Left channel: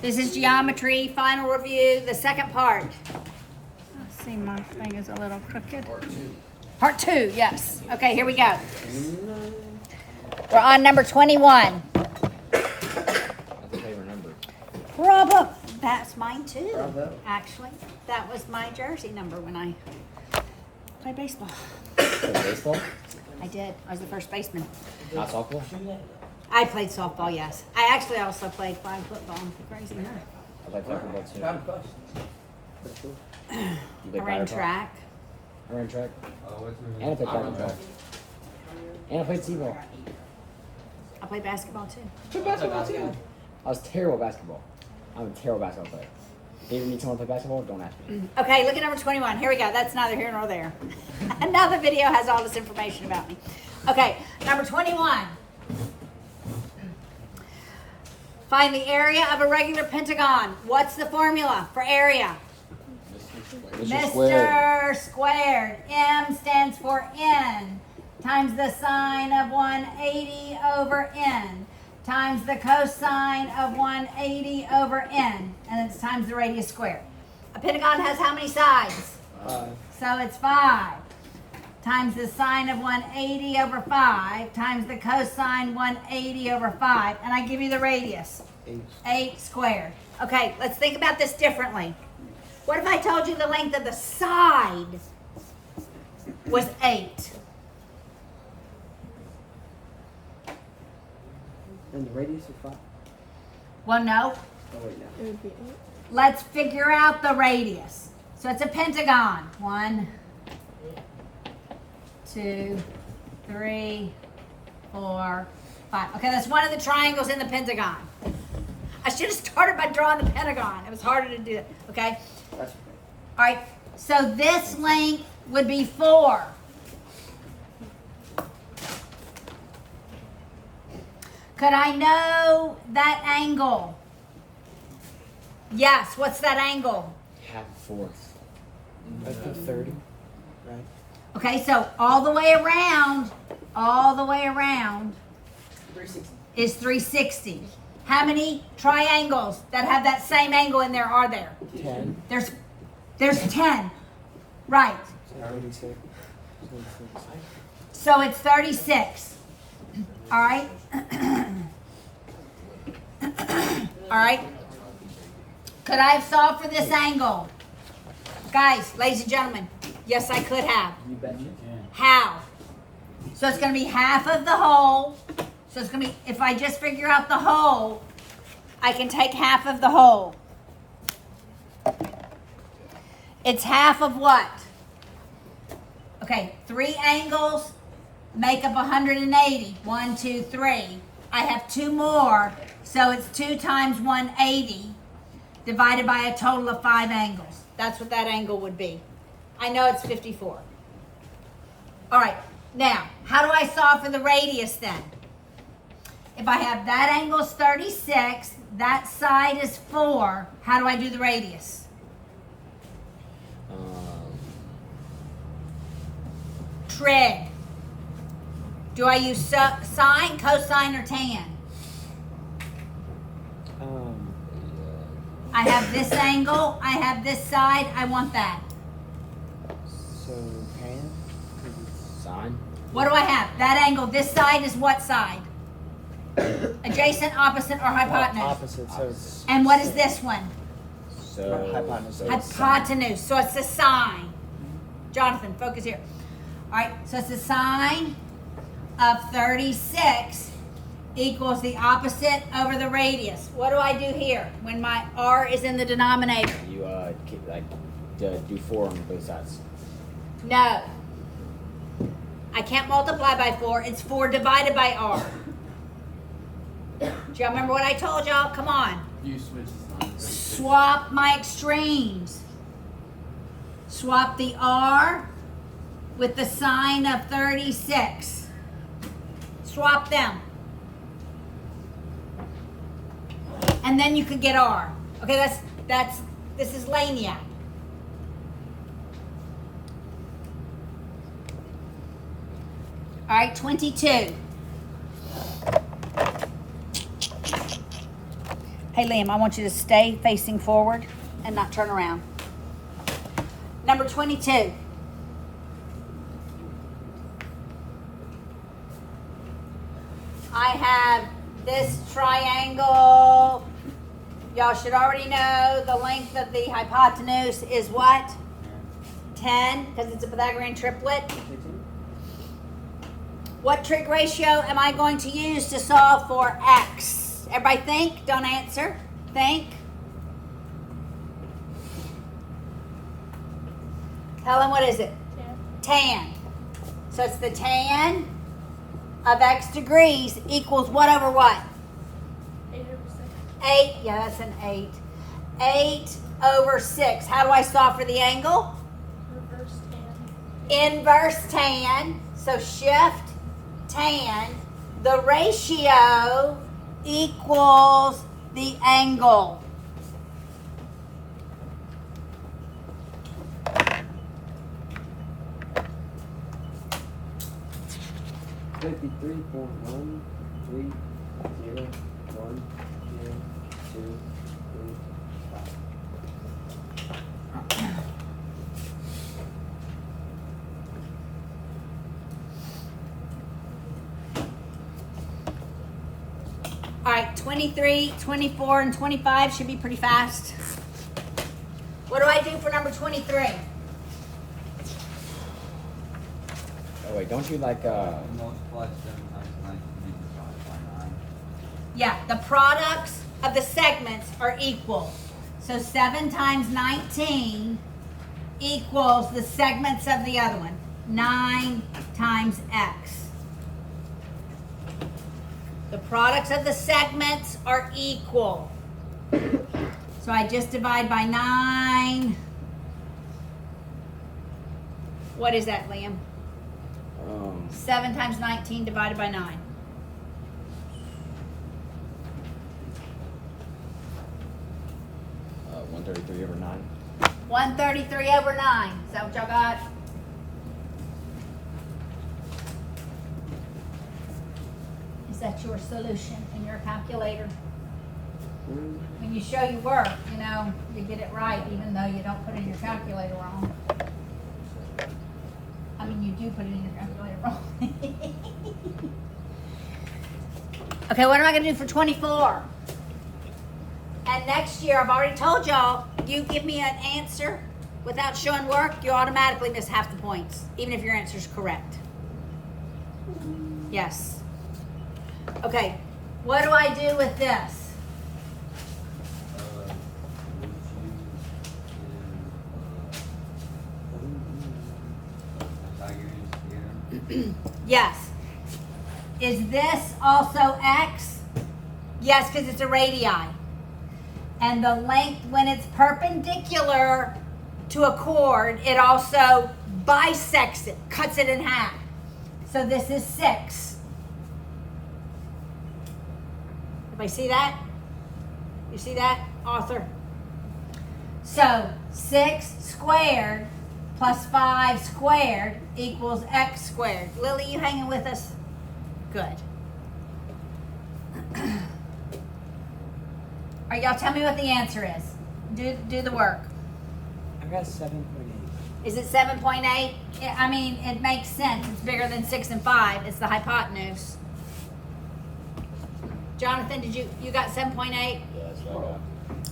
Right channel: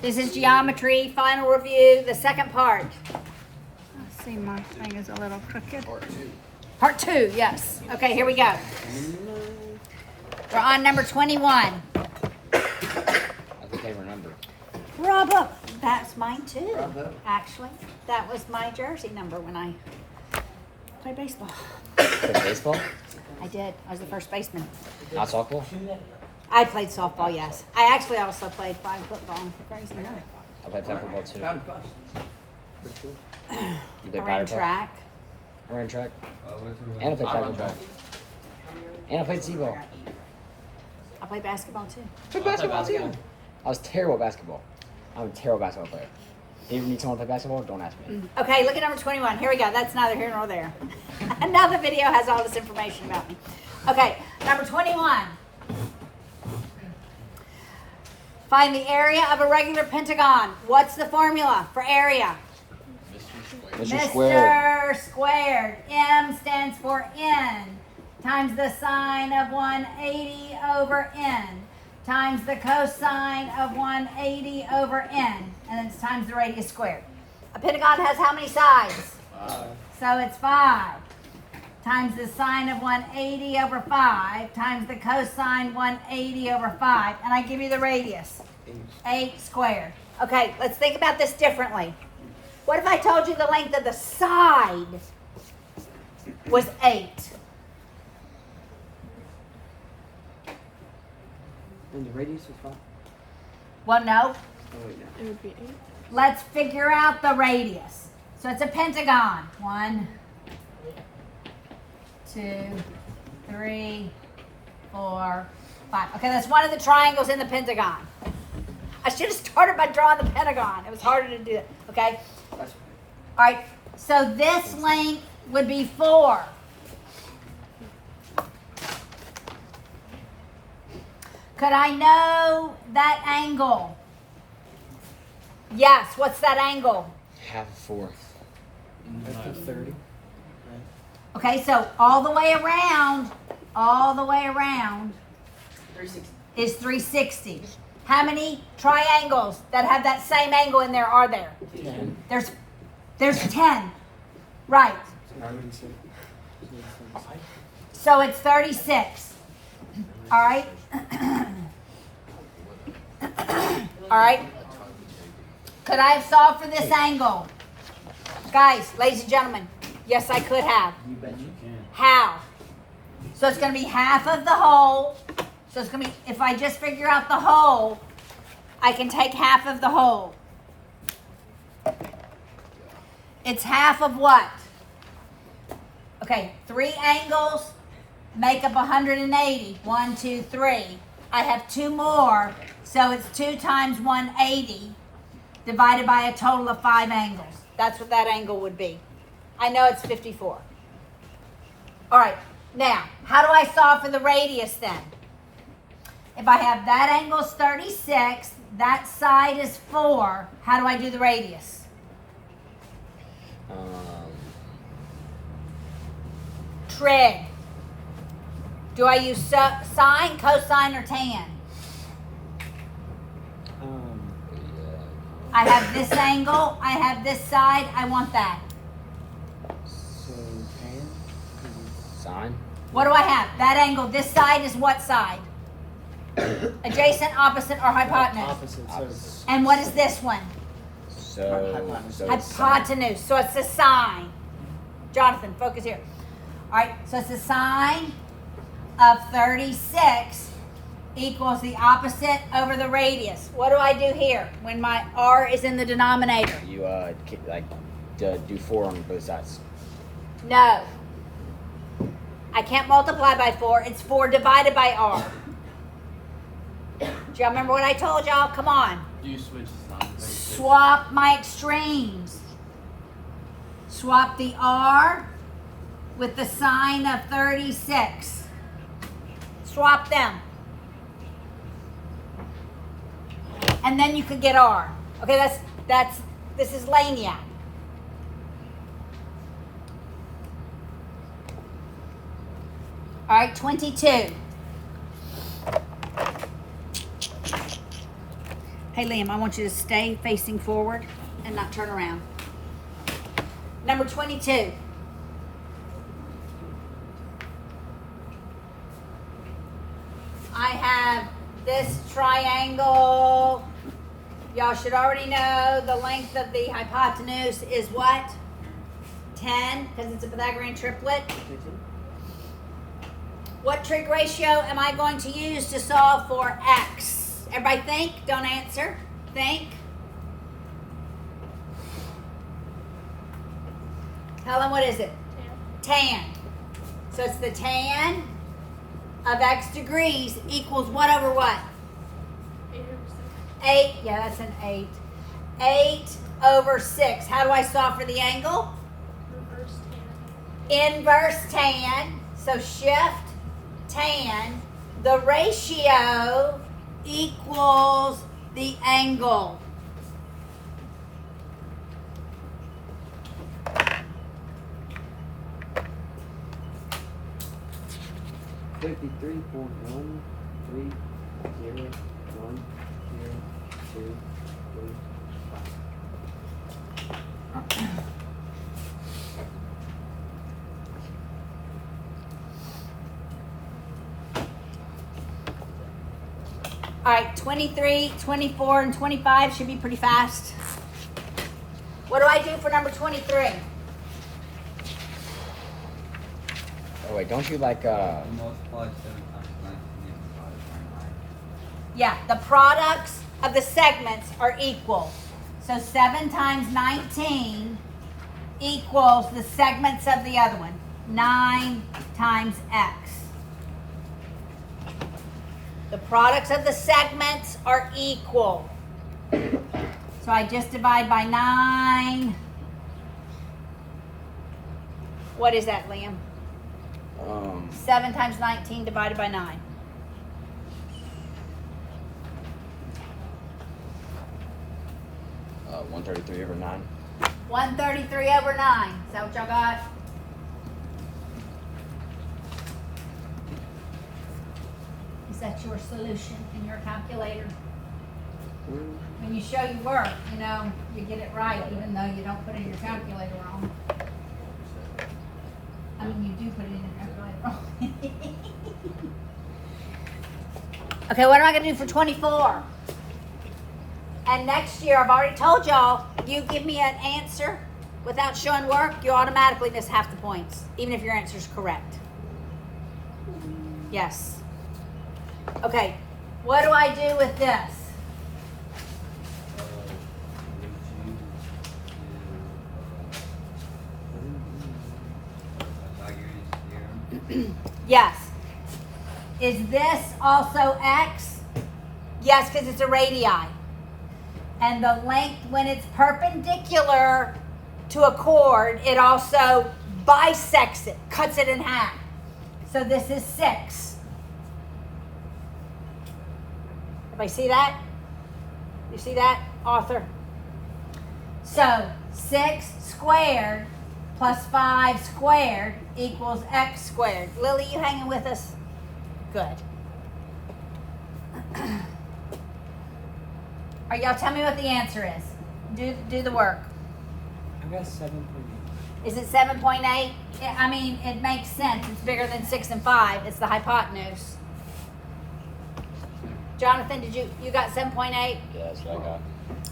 This is geometry, final review, the second part. Let's see, my thing is a little crooked. Part 2, yes. Okay, here we go. We're on number 21. That's a favorite number. Bravo. That's mine too. Bravo. Actually, that was my jersey number when I played baseball. Played baseball? I did. I was the first baseman. Not softball? I played softball, yes. I actually also played flag football. Crazy nerd. I played flag football too. Powder puff. Pretty cool. You I played ran powder puff? track. I ran track. Oh, And I played powder puff. And I played t-ball. I played basketball too. Play basketball too. I was terrible at basketball. I'm a terrible basketball player. If you ever need someone to play basketball, don't ask me. Okay, look at number 21. Here we go. That's neither here nor there. And now the video has all this information about me. Okay, number 21. Find the area of a regular pentagon. What's the formula for area? Mr. Squared. M stands for N times the sine of 180 over N times the cosine of 180 over N, and it's times the radius squared. A pentagon has how many sides? 5. So it's 5 times the sine of 180 over 5 times the cosine 180 over 5, and I give you the radius, 8 squared. Okay, let's think about this differently. What if I told you the length of the side was 8? And the radius of 5? Well, no. Oh, wait, no. It would be 8. Let's figure out the radius. So it's a pentagon. 1, 2, 3, 4, 5. Okay, that's one of the triangles in the pentagon. I should have started by drawing the pentagon. It was harder to do it. Okay? That's All right. So this length would be 4. Could I know that angle? Yes. What's that angle? Half fourth. That's 30. Right. Okay, so all the way around 360. is 360. How many triangles that have that same angle in there are there? 10. There's 10. Right. So how many say? So it's 36. All right. All right. Could I have solved for this angle? Guys, ladies and gentlemen, yes, I could have. You bet you can. How? So it's going to be half of the whole. So it's going to be, if I just figure out the whole, I can take half of the whole. It's half of what? Okay, 3 angles make up 180. 1, 2, 3. I have 2 more, so it's 2 times 180 divided by a total of 5 angles. That's what that angle would be. I know it's 54. All right, now, how do I solve for the radius then? If I have that angle's 36, that side is 4, how do I do the radius? Trig. Do I use sine, cosine, or tan? I have this angle, I have this side, I want that. So, tan? Sine? What do I have? That angle, this side is what side? Adjacent, opposite, or hypotenuse? Opposite, so it's And what is this one? So, Hypotenuse. so it's sine. Hypotenuse. So it's the sine. Jonathan, focus here. All right, so it's the sine of 36 equals the opposite over the radius. What do I do here when my r is in the denominator? You do 4 on both sides. No. I can't multiply by 4. It's 4 divided by r. Do y'all remember what I told y'all? Come on. You switch signs. Swap my extremes. Swap the r with the sine of 36. Swap them. And then you could get r. Okay, this is Laniac. All right, 22. Hey, Liam, I want you to stay facing forward and not turn around. Number 22. I have this triangle. Y'all should already know the length of the hypotenuse is what? 10, because it's a Pythagorean triplet. What trig ratio am I going to use to solve for x? Everybody think, don't answer. Think. Helen, what is it? Tan. So it's the tan of x degrees equals what over what? 8. Yeah, that's an 8. 8 over 6. How do I solve for the angle? Inverse tan. So shift tan. The ratio equals the angle. $53.130.10235. All right, 23, 24, and 25 should be pretty fast. What do I do for number 23? Oh, wait, don't you like Multiply 7 times 19 and divide it by 9. Yeah, the products of the segments are equal. So 7 times 19 equals the segments of the other one. 9 times x. The products of the segments are equal. So I just divide by 9. What is that, Liam? 7 times 19 divided by 9. uh, 133 over 9. 133 over 9. Is that what y'all got? Is that your solution in your calculator? When you show your work, you know, you get it right even though you don't put it in your calculator wrong. I mean, you do put it in your calculator wrong. Okay, what am I going to do for 24? And next year, I've already told y'all, you give me an answer without showing work, you automatically miss half the points, even if your answer is correct. Yes. Okay, what do I do with this? Would you do Pythagorean theorem? Yes. Is this also x? Yes, because it's a radii. And the length, when it's perpendicular to a chord, it also bisects it, cuts it in half. So this is 6. Everybody see that? You see that, Arthur? So 6 squared plus 5 squared equals x squared. Lily, you hanging with us? Good. All right, y'all tell me what the answer is. Do the work. I got 7.8. Is it 7.8? I mean, it makes sense. It's bigger than 6 and 5. It's the hypotenuse. Jonathan, you got 7.8? Yeah, that's what I got.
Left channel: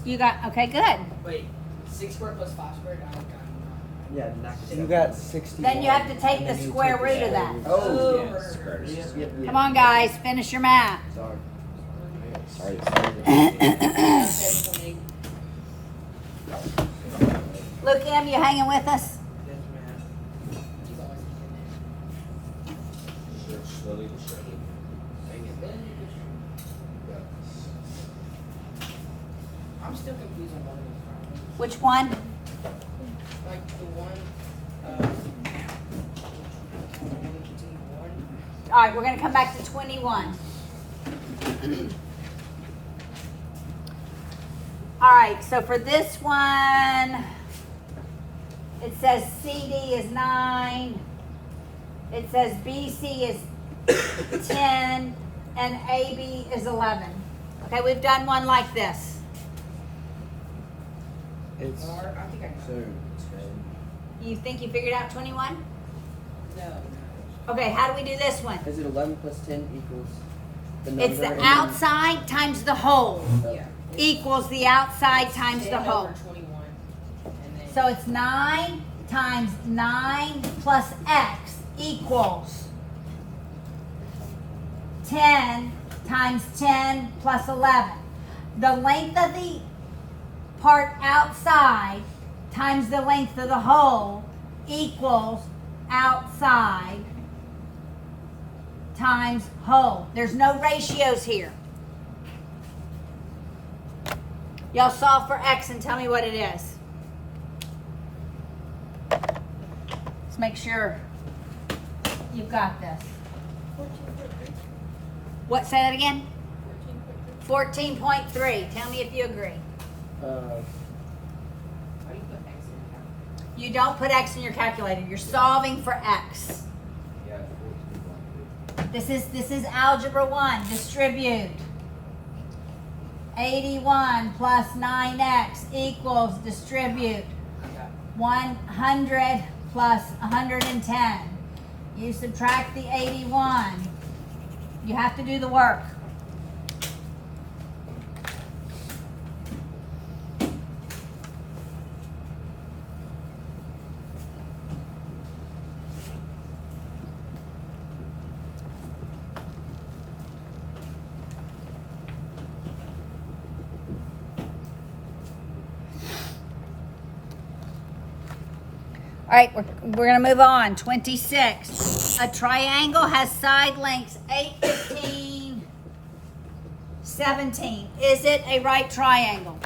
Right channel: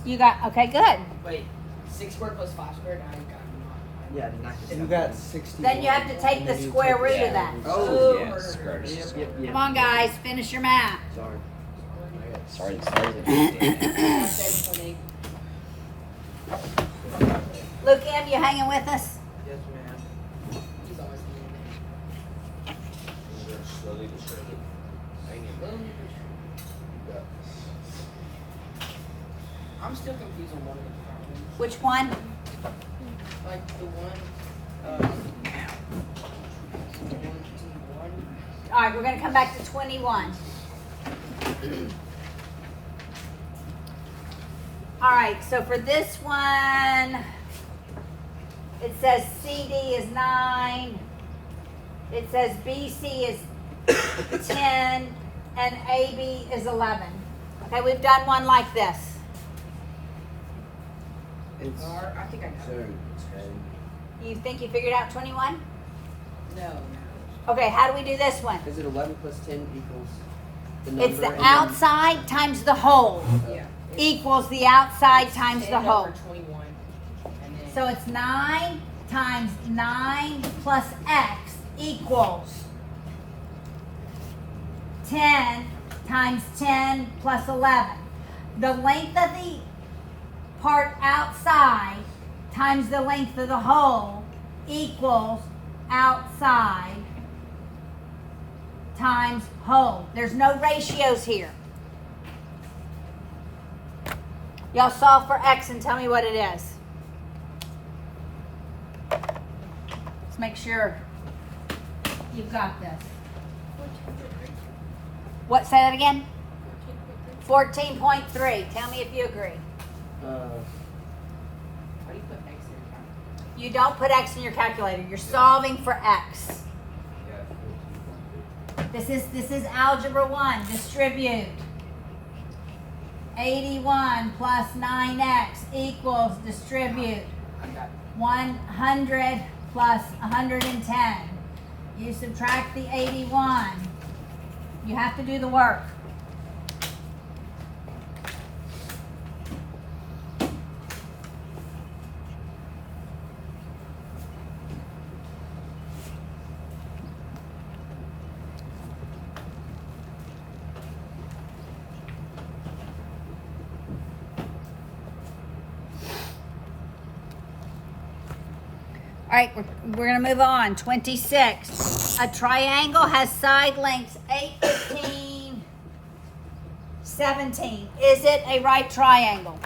You got, okay, good. Wait, 6 squared plus 5 squared? I got 9. Yeah, knock And you got 60. Then you have to take the square root of that. Oh, yeah. Square. Yep. Come on, guys, finish your math. Sorry. Sorry. I said 20. Luke M, you hanging with us? Yes, ma'am. He's always leaving. I'm still confused on one of the problems. Which one? Like the one, the 1, 2, 1. All right, we're going to come back to 21. All right, so for this one, it says CD is 9. It says BC is 10, and AB is 11. Okay, we've done one like this. It's Or, I think I know. soon 10. You think you figured out 21? No. Okay, how do we do this one? Is it 11 plus 10 equals the number? It's the and outside times the whole Yeah. equals the outside times the 10 whole. over 21. And then So it's 9 times 9 plus x equals 10 times 10 plus 11. The length of the part outside times the length of the hole equals outside times hole. There's no ratios here. Y'all solve for x and tell me what it is. Let's make sure you've got this. What, say that again? 14.3. Tell me if you agree. How do you put X in your calculator? You don't put x in your calculator. You're solving for x. Yeah, 14.2. This is algebra 1. Distribute. 81 plus 9x equals distribute. I got it. 100 plus 110. You subtract the 81. You have to do the work. All right, we're going to move on. 26. A triangle has side lengths 8, 15, 17. Is it a right triangle?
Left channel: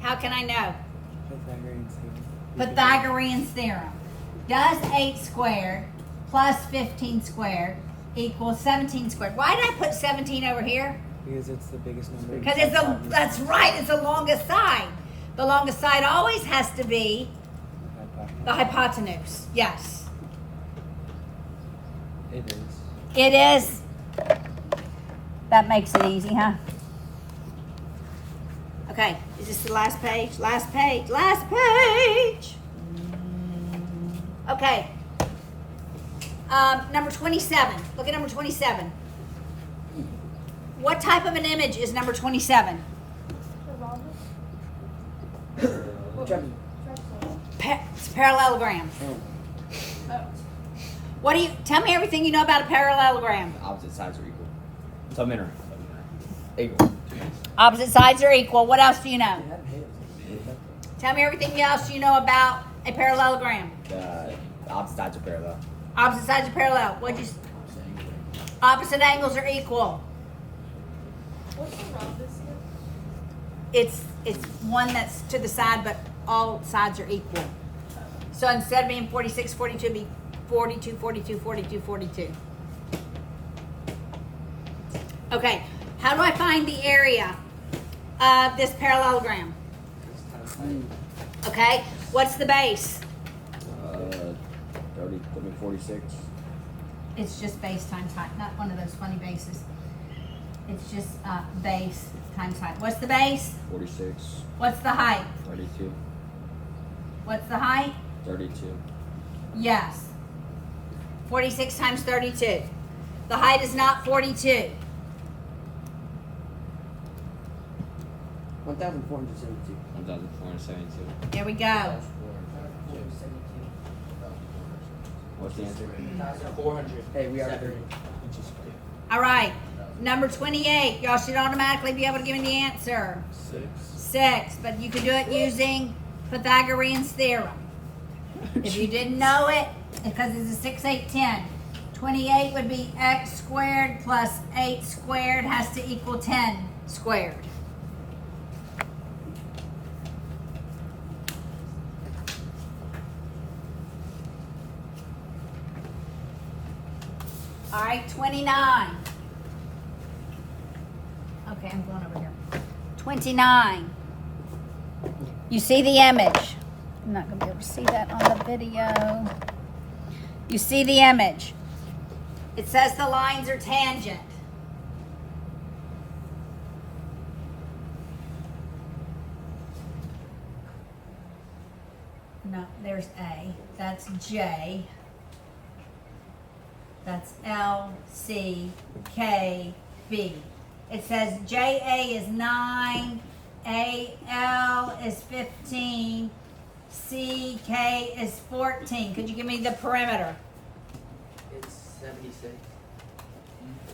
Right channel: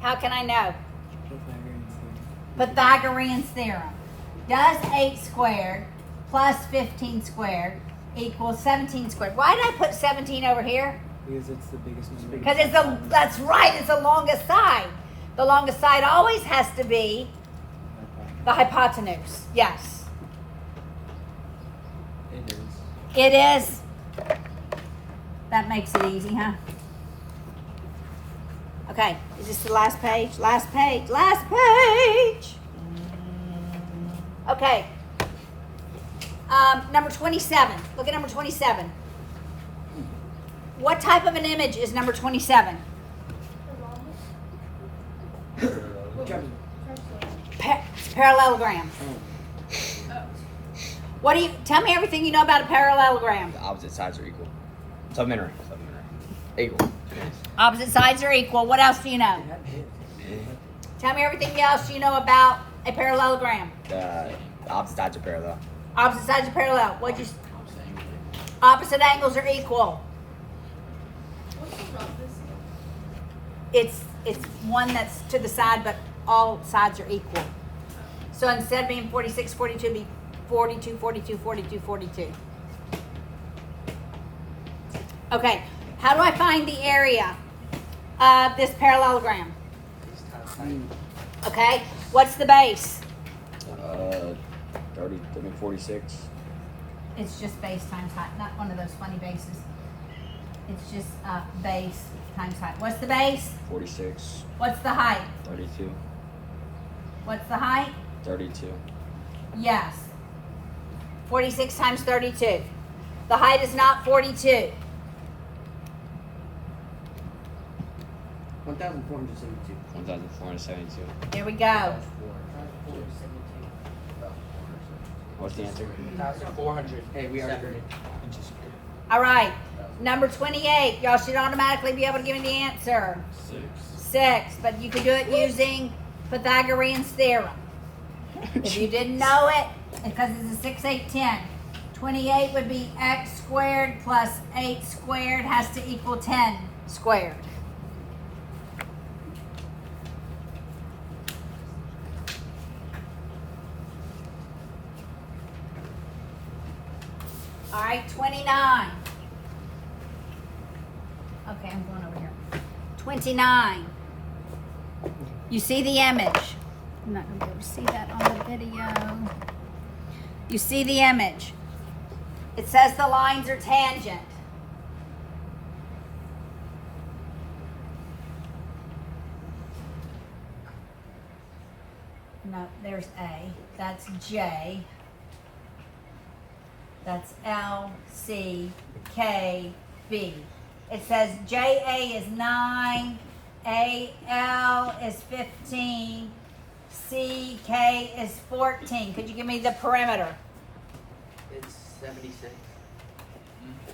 How can I know? Pythagorean theorem. Does 8 squared plus 15 squared equal 17 squared? Why did I put 17 over here? Because it's the biggest number. Because that's right, it's the longest side. The longest side always has to be the hypotenuse. Yes. It is. It is. That makes it easy, huh? Okay, is this the last page? Last page, last page. Okay. Number 27. Look at number 27. What type of an image is number 27? Parallelogram. What do you, tell me everything you know about a parallelogram. The opposite sides are equal. Submariner. Equal. Opposite sides are equal. What else do you know? It had hands. Tell me everything else you know about a parallelogram. The opposite sides are parallel. Opposite sides are parallel. What'd you? Opposite angles are equal. What's the rhombus? It's one that's to the side, but all sides are equal. So instead of being 46, 42, it'd be 42, 42, 42, 42. Okay, how do I find the area of this parallelogram? Okay, what's the base? 46. It's just base times height, not one of those funny bases. It's just base times height. What's the base? 46. What's the height? 32. What's the height? 32. Yes. 46 times 32. The height is not 42. 1,472. 1,472. There we go. What's the answer? 1,400. Hey, we already heard it. Inches squared. All right. Number 28. Y'all should automatically be able to give me the answer. 6. But you could do it using Pythagorean theorem. If you didn't know it, because it's a 6, 8, 10. 28 would be x squared plus 8 squared has to equal 10 squared. All right, 29. Okay, I'm going over here. 29. You see the image. I'm not going to be able to see that on the video. You see the image. It says the lines are tangent. no, there's A. That's J. That's L, C, K, B. It says JA is 9, AL is 15, CK is 14. Could you give me the perimeter? It's 76.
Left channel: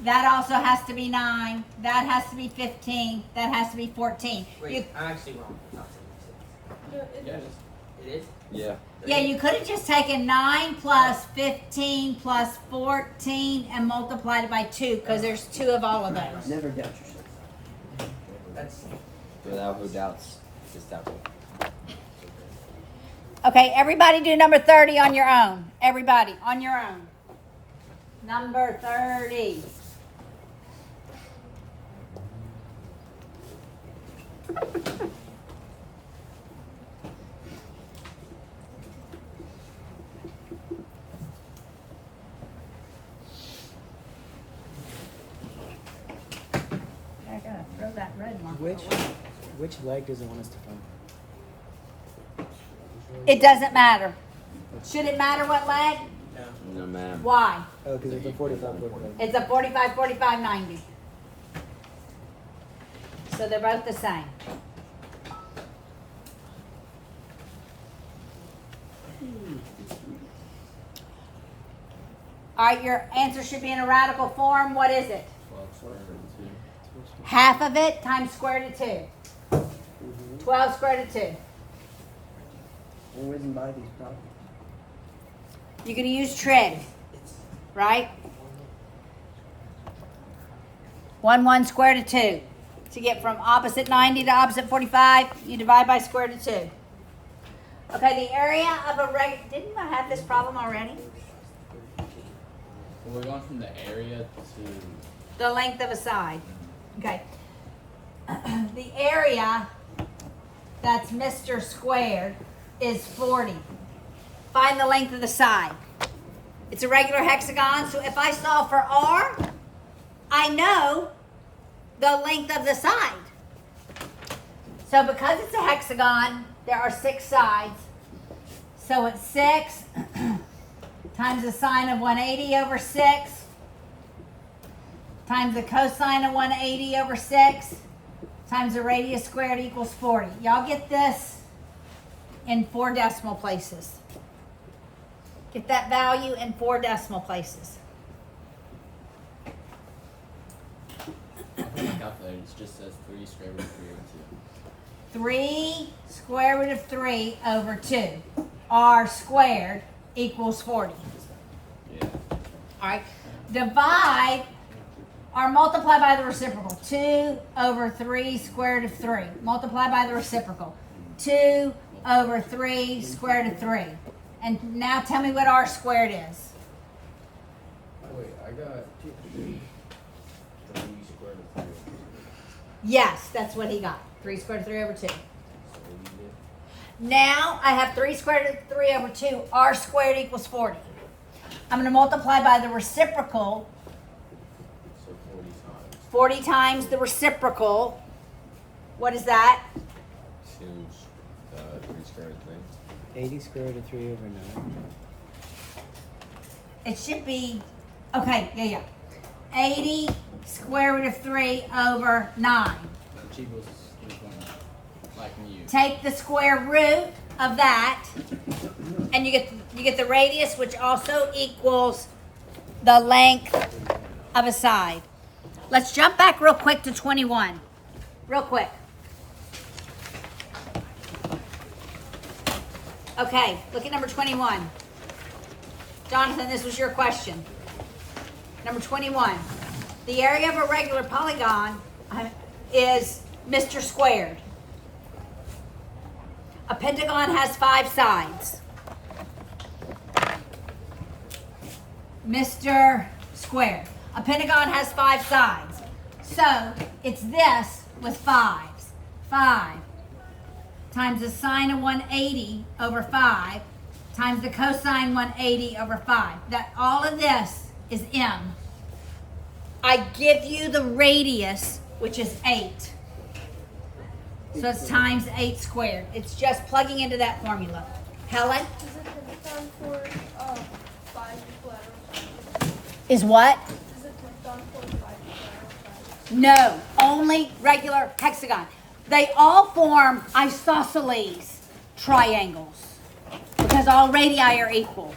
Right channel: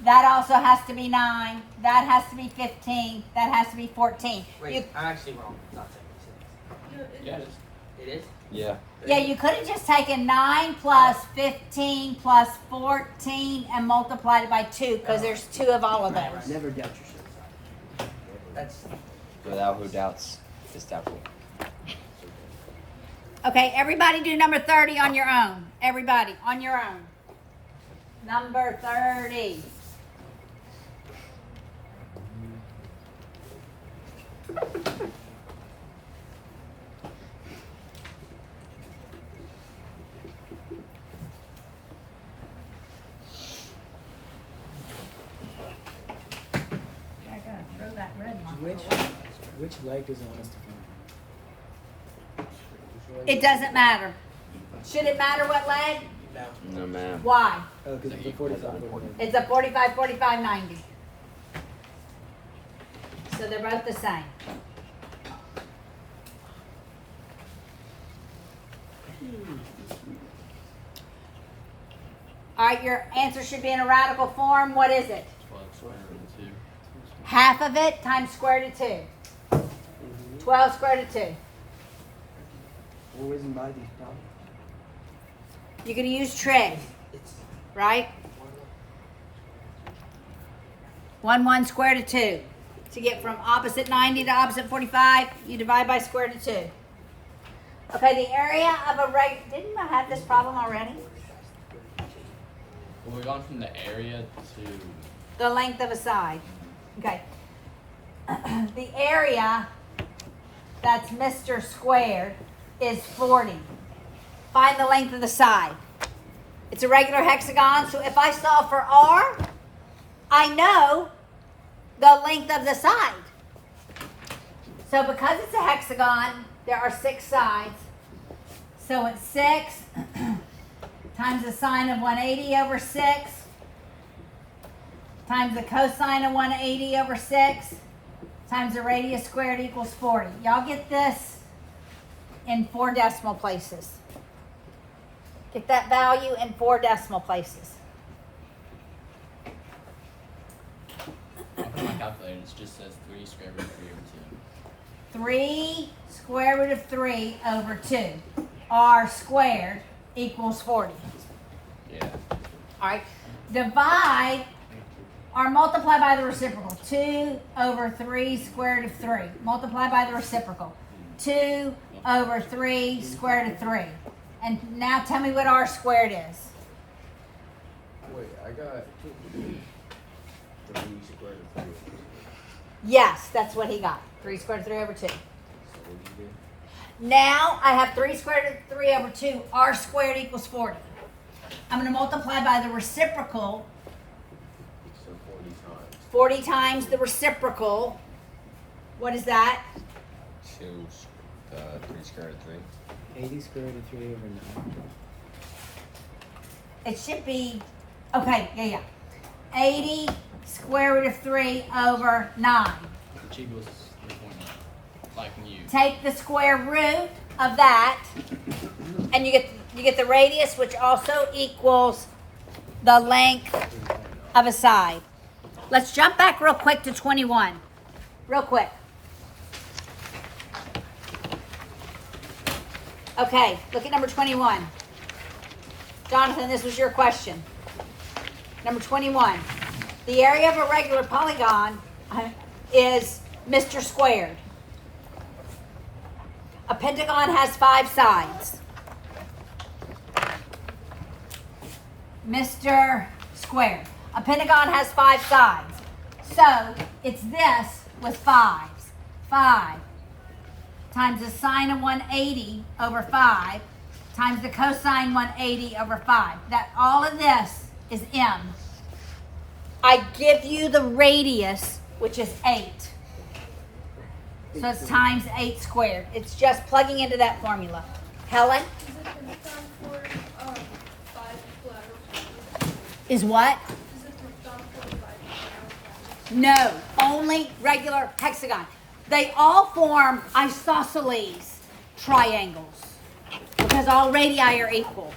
That also has to be 9. That has to be 15. That has to be 14. Wait, You, I'm actually wrong. It's not 76. Yeah, it is. It is? Yeah. yeah, you could have just taken 9 plus 15 plus 14 and multiplied it by 2 because there's 2 of all of those. Never doubt yourself. That's Without who doubts, is doubtful. Okay, everybody do number 30 on your own. Everybody on your own. Number 30. I gotta throw that red marker away. which leg is it wants to come? It doesn't matter. Should it matter what leg? No, man. Why? Oh, because it's a 45. It's a 45, 45, 90. So they're both the same. All right, your answer should be in a radical form. What is it? 12 square root of 2. Half of it times square root of 2. 12 square root of 2. We're whizzing by these problems. You're going to use trig, right? 1 square root of 2. To get from opposite 90 to opposite 45, you divide by square root of 2. Okay, the area of a didn't I have this problem already? Well, we're going from the area to. The length of a side. Okay. The area that's Mr. Squared is 40. Find the length of the side. It's a regular hexagon, so if I solve for R, I know the length of the side. So because it's a hexagon, there are 6 sides. So it's 6 times the sine of 180 over 6 times the cosine of 180 over 6 times the radius squared equals 40. Y'all get this in 4 decimal places. Get that value in 4 decimal places. I put my calculator, it just says 3 square root of 3 over 2. 3 square root of 3 over 2. R squared equals 40. Yeah. All right. Divide or multiply by the reciprocal. 2 over 3 square root of 3. Multiply by the reciprocal. 2 over 3 square root of 3. And now tell me what R squared is. Wait, I got 3 squared of 3. Yes, that's what he got. 3 square root of 3 over 2. So what do you do? Now I have 3 squared root of 3 over 2. R squared equals 40. I'm going to multiply by the reciprocal. So 45. 40 times the reciprocal. What is that? 2, 3 square root of 3. 80 square root of 3 over 9. It should be, okay, yeah. 80 square root of 3 over 9. Which equals 3.9. Like mu. Take the square root of that, and you get the radius, which also equals the length of a side. Let's jump back real quick to 21. Real quick. Okay, look at number 21. Jonathan, this was your question. Number 21. The area of a regular polygon is Mr. Squared. A pentagon has 5 sides. Mr. Squared. A pentagon has 5 sides. So it's this with 5s. 5 times the sine of 180 over 5 times the cosine 180 over 5. That all of this is m. I give you the radius, which is 8. So it's times 8 squared. It's just plugging into that formula. Helen? Is it done for 5 collateral? Is what? Is it done for 5 collateral? No, only regular hexagon. They all form isosceles triangles because all radii are equal.